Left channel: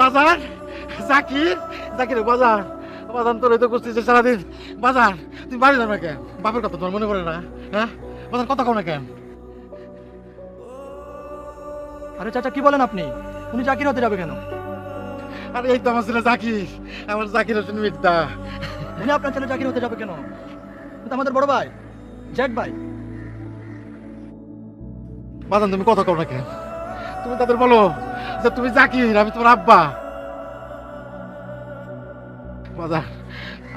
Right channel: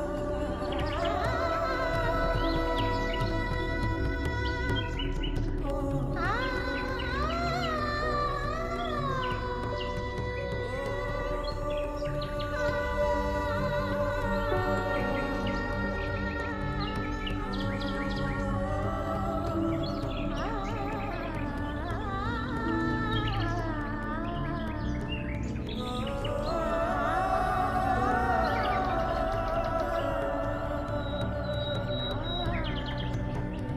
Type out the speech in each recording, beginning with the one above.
বাজার জাকির জাকির বাজার বাজার তোর তো করছিস সারাদিন বাজার তুই বাড়ি যাবে কেন বাপের কথা তোর মনে পড়ে না হ্যাঁ বাজার কথা কও না কেন আরে চাচা কি বলেন আপনি? তুমি চাকরি হতে যাবে কেন? আরে এই তো আমার ছেলে জাকির আমার জাকির হোসেন মির্জা উনি আপনার ছেলে চাকরি হতে যাবে কেন? এটা আমাদের বড় ভাই জেড ভাই। বাজান তুমি কথা কও না কেন তুমি তাদের বলো যে তুমি জাকির আমি তোমার আব্বা বাজার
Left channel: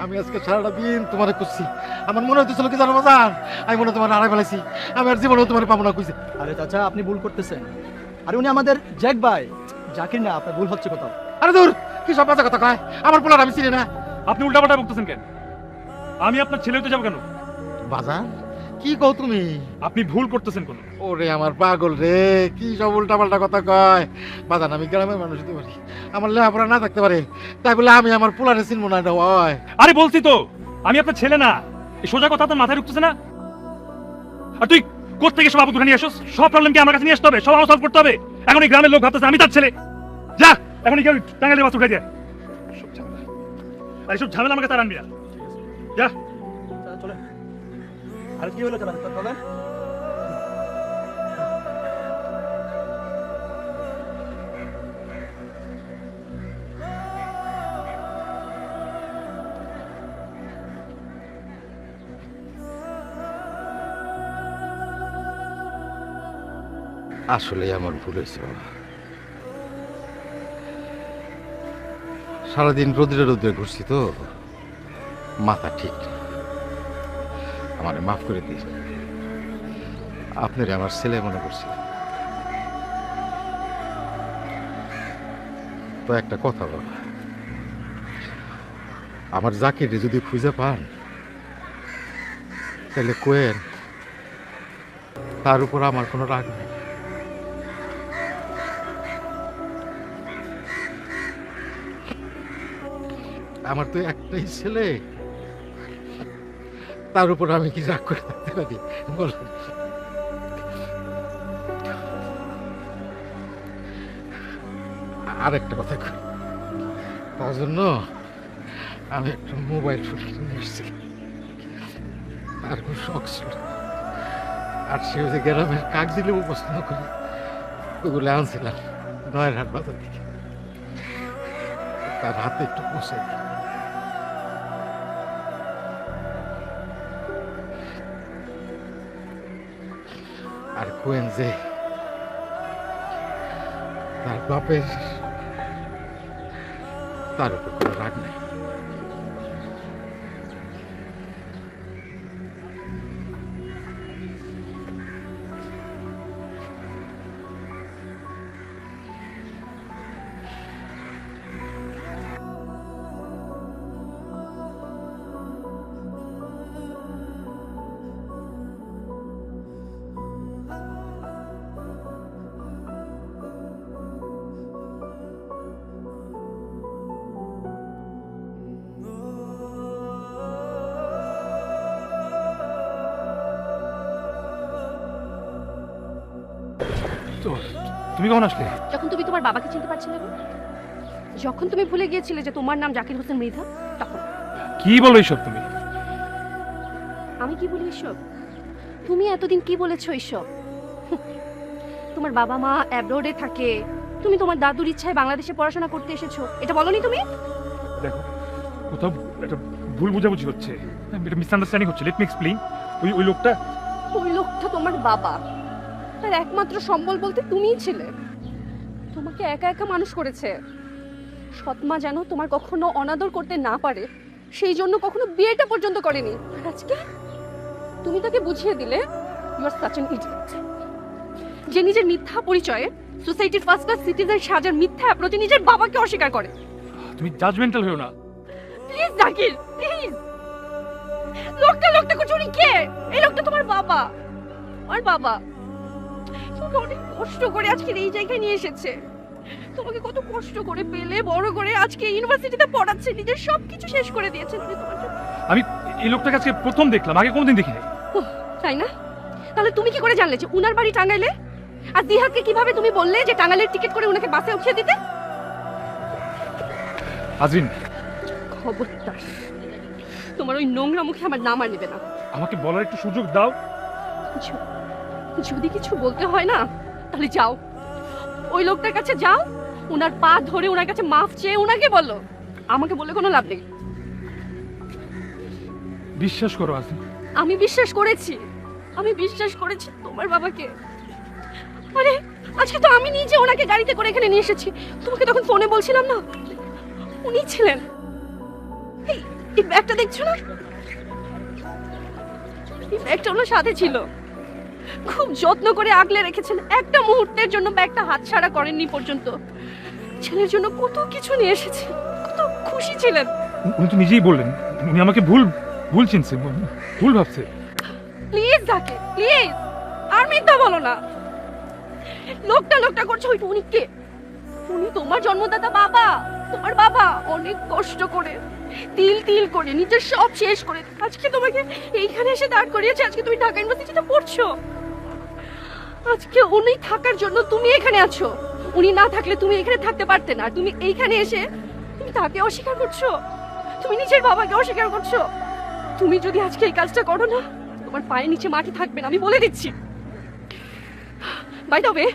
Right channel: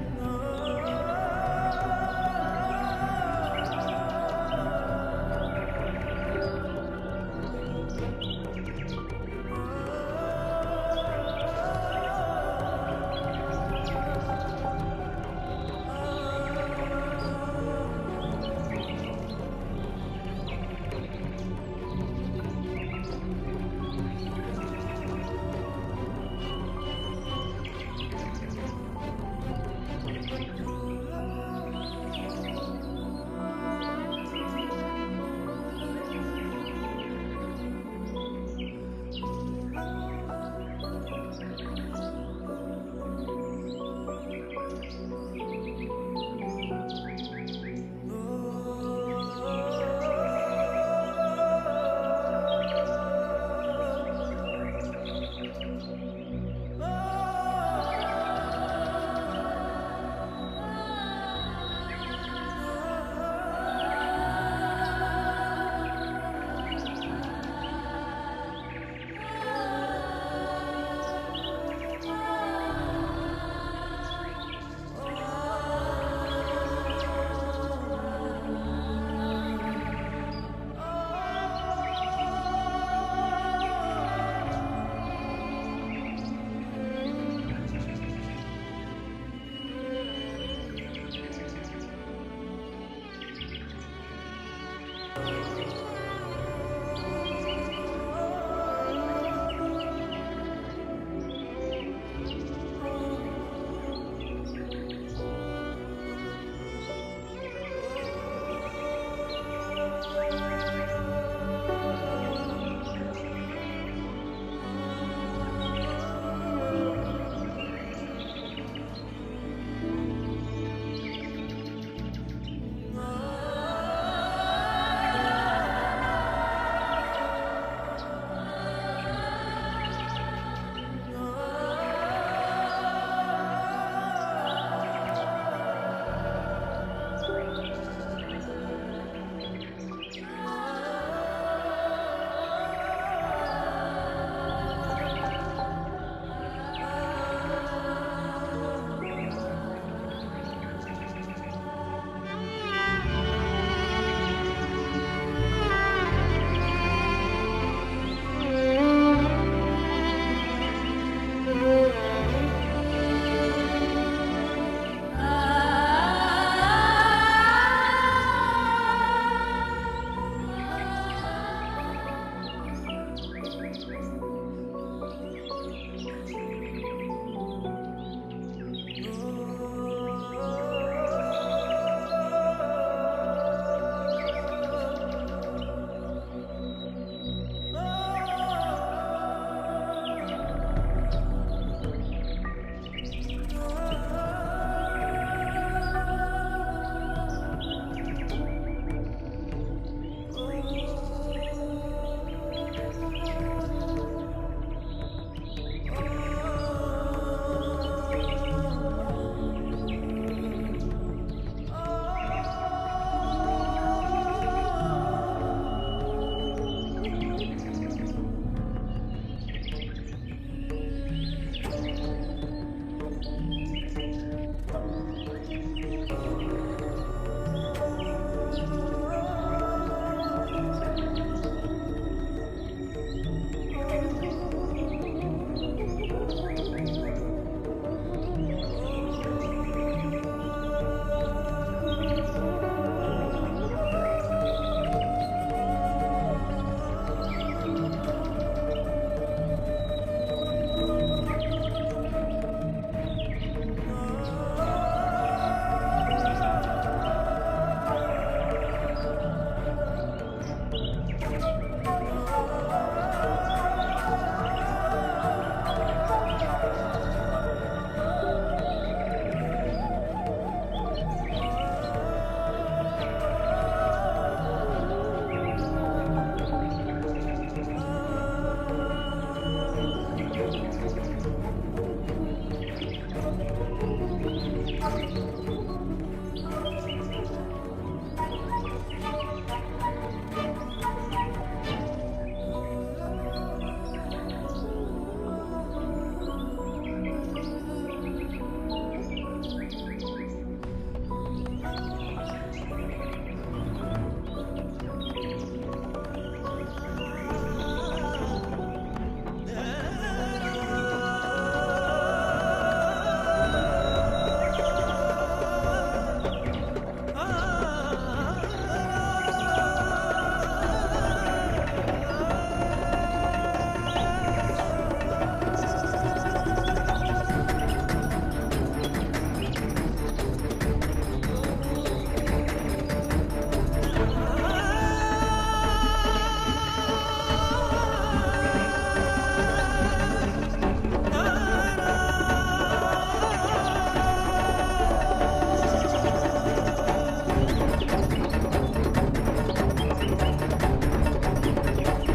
আমি আজকে সারাটা দিন তোমার খুঁজছি আমার মনে হচ্ছিল কি জানো বাজার আমি মনে হয় তোমার হারাই ফেলেছি আমি আর জীবনেও তোমার পাবো না খুঁজে আরে চাচা আপনি ভুল করতেছেন। আরে উনি আমাদের জেড ভাই চাকরি না, আপনার ভুল হচ্ছে কথা। আরে দূর কি সব বাজে কথা কয় আমার পোলার আমি চিনি না আপনি উল্টাপাল্টা বলতেছেন কেন? আমি আপনার ছেলে হতে যাবো কেন? বাজার কি কও তুমি আপনি ভুল করতেছেন কোন? ওরে আমার পাগল রে কি সব উল্টা পাল্টা কথা কয় বাজার আমি গ্রামের মানুষ হতে পারি আমার লেখাপড়া না থাকতে পারে তাই বলে আমি আমার পোলারে চিনবো না এটা হয় আরে বলছি তো আমি আপনার ছেলে না। এই সোজা কথা আপনার মাথায় ঢুকতেছে না? আর তুই কোত্থেকে সব আবুদ্ধ নিয়ে আসোস? সব প্রবলেম কি আমার কাছে নিয়ে আসতে হবে? সব আমার সলভ করতে হবে? এখন এই গ্রামের লোক ভাবতেছে আমি তার ছেলে। যা এখন কেউ টাঙ্গাইলে বাস উঠে দিয়ে এইসব ঝামেলা আমাকে তার আনবি না। যা আরে কি হলো চাচা বলেন? আসলে আমার ভুল হয়েছে সারাদিন রোদ্রে রোদ্রে ঘুরছি তো মাথা ঠিক আমার মাফ করে দিই আপনার আমার ছেলে মনে করছি তো একটা কথা বল আমার জাকিরে যদি খুঁজে পান তাহলে কোয়ের তার উপর আমার কোনো রাগ নেই আমার তো একটাই ছেলে তার উপর আমি কি রাগ করে থাকতে পারি বল আর একটা কথা তার জন্য আমি একটু মোবাইল ফোন কিনে এসেছি আর খুব শখ ছিল আর সে গ্রামে কাক দিলে পছন্দ করি সেগুলো আনছিলাম নয় হাত পাতা তার হাতে একটু বসে আর কোয়েন যে তার বাপের তার উপর রাগ নাই তুমি কখন আসলে? যখন তুমি তোমার বাবাকে চিনতে পারছিলে না, যখন তুমি ভুলে গিয়েছিলে যে তোমার নাম জাকির হোসেন মির্জা, তখন কি বলো এইসব তুমি? আমি কি বলি ঈশ্বর? তুমি এতদিন কি বলেছো ঈশ্বর? তোমার বাবা মা অ্যাব্রোডে থাকে, তুমি তোমার দাদুর ইচ্ছায় বাংলাদেশে পড়াশোনা করতে এসেছো, এটা বলনি তুমি? কোথাও একটা ভুল বোঝাবুঝি হচ্ছে, একটা মিসআন্ডারস্ট্যান্ডিং হচ্ছে। Let me explain. ওই লোকটা ওই লোকটা তোমার বাবা, আর একমাত্র সম্বল বলতে তুমিই ছিলে। তোমাকে একা একা মানুষ করেছে। সৎমা যেন তোমার কখনো অনাদর করতে না পারে, সেই জন্য কখনো বিয়েটা পর্যন্ত করেনি। আজকে তুমি তাকে বুঝিয়ে দিলে তোমার সাচেন যে নিজের মিথ্যা পরিচয়ে সোসাইটির ফার্স্ট ক্লাস সিটিজেন সাজার মিথ্যা অ্যাপ্রোচে নিজের বাবাকে অস্বীকার করে। তুমি জাজমেন্টাল হও না প্লিজ জাকির, প্লিজ। লোকটা কুচুরি কে? এই লোকটা তোমার বাবা, আমার বাবা। অনেক কষ্ট করে আজকে এই জায়গায় নিয়ে এসেছে, তোমাকে কত কষ্ট করে পেলে বড় করে আজকে ইউনিভার্সিটিতে পড়াচ্ছে, নিজের সবকিছু শেষ করে দিয়েছে। আমি এই লোকটাকে আজকে প্রথম দেখলাম, আগে কোনোদিন দেখিনি। তাই না? তাহলে তুমি কি করে জানলে যে উনার বাড়ি টাঙ্গাইলে? আর দিহাকে কিভাবে তুমি বললে যে টাঙ্গাইলের টিকিট করে উনাকে বাসে উঠিয়ে দিতে? আজরিন, খবরদার তোমার ওই নোংরা মুখে আমার নাম আর নেবে না। আমাকে বলার একটু সুযোগ দাও। যদি কিছু বলতে হয় না তাহলে যাও, ওই লোকটার কাছে যাও, ওনার পা ধরে ওনার কাছে মাফ চেয়ে ওনাকে বলো, আমাকে বলে কোনো লাভ নেই। বিশ্বাস করো আজরিন, আমি বিশ্বাস করেছি, আমি বিশ্বাস করেছি তোমার বাবাকে। আরে আজকে তো আমি নিজে ওনাকে গাড়িতে করে এখানে নিয়ে এসেছি, তোমাকে তখন ফোনে বলছিলাম না উনি ছিলেন। এই ব্যাগটা দেখছো না, এই ব্যাগটা ওনার সাথে ছিল, খুব যত্ন করে আগলে রেখেছেন, একটা মুহূর্তের জন্য ব্যাগটা হাতছাড়া করেননি পর্যন্ত। ছেলের জন্য কত কিছু নিয়ে এসেছে, কত খুশি ছিলেন। উনি তো নিজেই বললেন উনি আমাকে ভুল চিনছে, ভুল ভাবছে। প্লিজ জাকির, প্লিজ আর মিথ্যা বলো না। লোকটা করছো, ওই উনিকে উনি তোমার জন্মদাতা বাবা, তোমার বাবা অনেক কষ্ট করে তিল করে নিজের সব শেষ করে আজকে তোমাকে এইখানে এসে দাঁড় করিয়েছে। আজকে তুমি ঢাকা ইউনিভার্সিটিতে পড়ছো, আজকে উনি থাকার জন্য তুমি এখানে আছো। উনি না থাকলে তুমি এখানে থাকতে পারতে না। তুমি এইখানে এসে তাকে অস্বীকার করছো, তুমি নিজের বাবাকে অস্বীকার করছো। তুমি যদি আজকে এই কাজটা করো না, তোমার পায়ের নিচে মাটি থাকবে না, আমি বলে দিচ্ছি। বাই দ্য ওয়ে,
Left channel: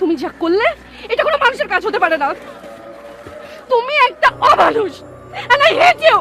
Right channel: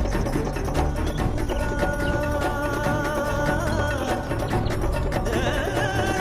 তুমি যা করলে এটা কোনো মানুষের কাজ হতে পারে না। তুমি একটা অমানুষ, and I hate you!